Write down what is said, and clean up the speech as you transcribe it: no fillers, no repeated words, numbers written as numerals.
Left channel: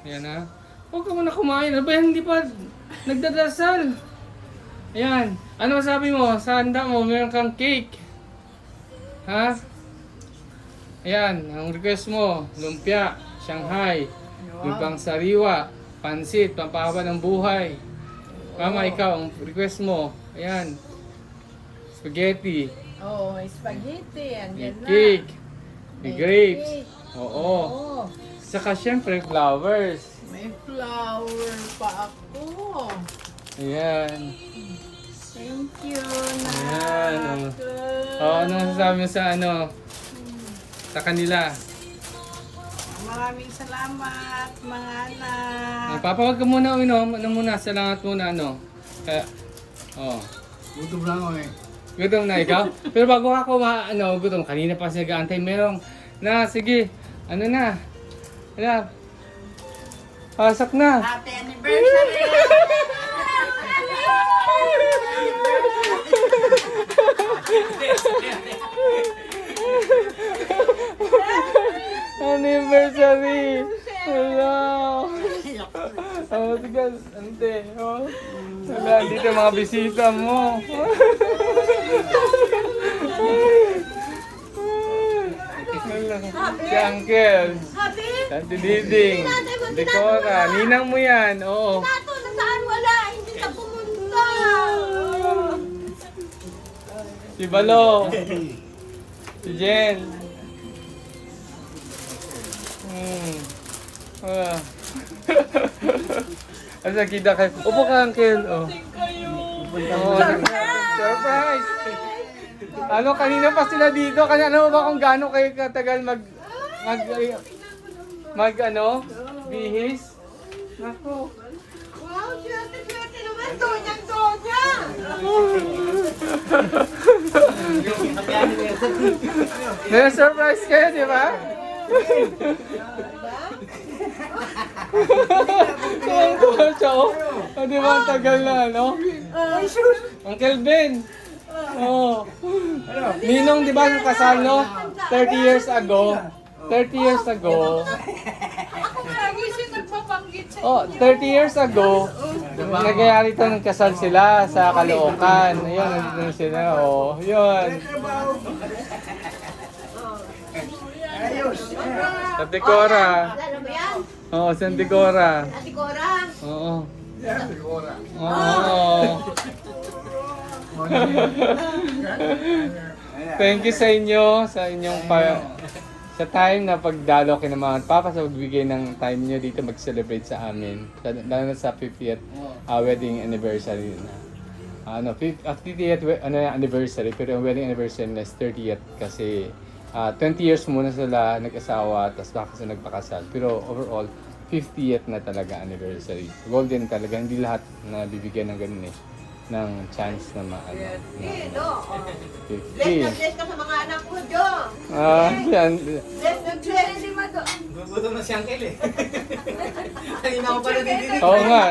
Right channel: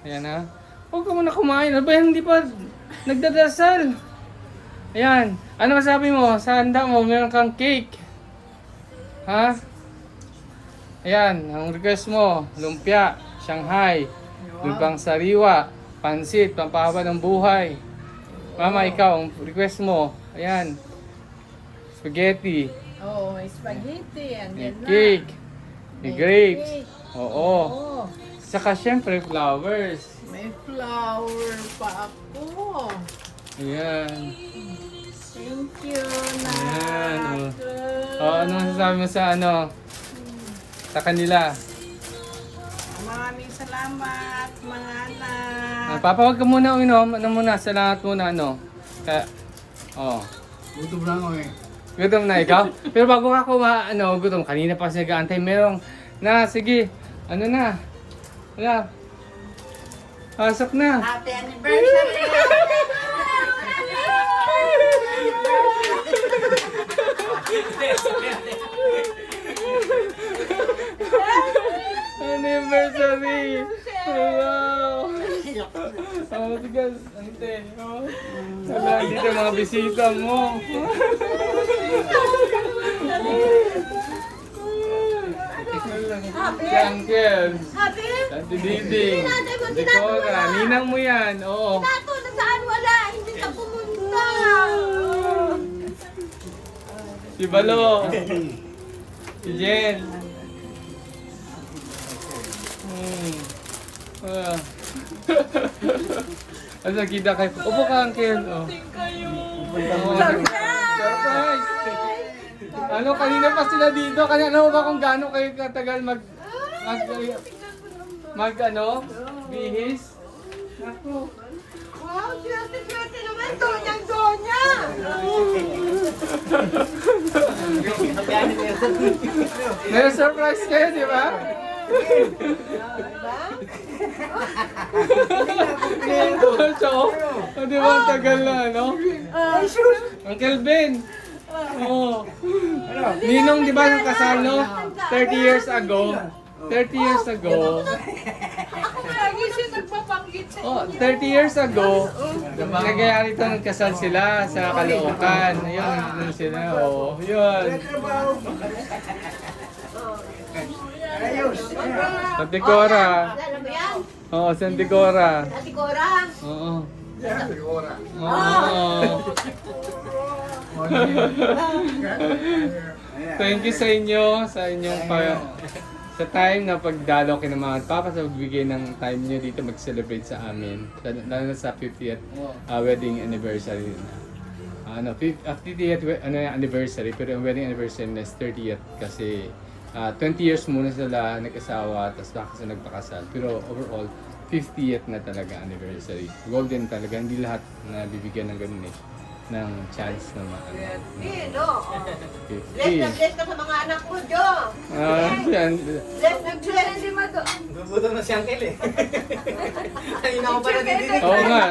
Ayan na. Huwag ka muna kumain. Ano ba yan? Hindi pa nagdadasal. Ayan. Ano masabi mo? Sa handa mo, meron kang cake. Ha? Ayan. Ang request mo, lumpia, Shanghai, lumpang sariwa, pansit, pampahaba ng buhay. Mama, ikaw, ang request mo. Ayan. Spaghetti. Oh, may spaghetti. May Andyan na. cake. May May grapes. cake. Oo. Oh, Saka syempre flowers. may flower pa ako. Ayan. Thank you, Ayan, Nak. Anong sasabi mo sa ano? Sa kanila? Maraming salamat, mga anak. Papawag ka muna uminom. Ano muna? Salamat muna ano? Kaya, Gutom lang ako eh. gutom na ikaw? Pero bago ako gutom. Kanina pa kasi nag-aantay. Merong, sige. Ano na? Kaya, pasok na. Happy anniversary! Anniversary! Hello! Ang matigas, ante. Wala dito mga bisita mo. Si Uncle. Happy? Ate Diding. Dekora. Ninang mo yan. Oo. Tato, nasaan wala? Hindi ka pumunta. Si Balo. Si Jen. Ano nakita kayo? Upo ka, Uncle. Oh. Punta mo. Surprise! Ano, kanina pa sila dito. Kasi alam mo ba kung gaano kayo katagal bihis? Ako. Wow, swerte naman. Donyang-donya. Na-surprise kayo, di ba? Ang siya, oh. Oh, di ba ang tagal na, no? Uncle Ben. Oh. Ninong, di ba, nung kasal, no? 30 years ago. 30 years ago. Lagi siya nagpapanggit sa Oh, 30 years ago, nagyayari ito ng kasal sila sa Caloocan. Ayun, nandun sila. Oh, yun. Sa Decora. Oo, sa Decora. Ate Korang. Oo. Sigura. Oo. Thank you sa inyo, sa inyong sa time na pagdalo kayo ng mga papa sa pagbigay ng time nyo dito mag-celebrate sa amin. Lalo na sa 50th wedding anniversary na. 50th anniversary, pero ang wedding anniversary na is 30th kasi 20 years muna sila nag-asawa, tapos baka sila nagpakasal. Pero overall, 50th na talaga anniversary. Golden talaga, hindi lahat na bibigyan ng ganun ng chance na maano. No. Bless na 50. bless ka sa mga anak mo, Jo. Yan. Bless na bless. Gutom na si Uncle eh. Kanina ko pa nadidinig. Oo nga.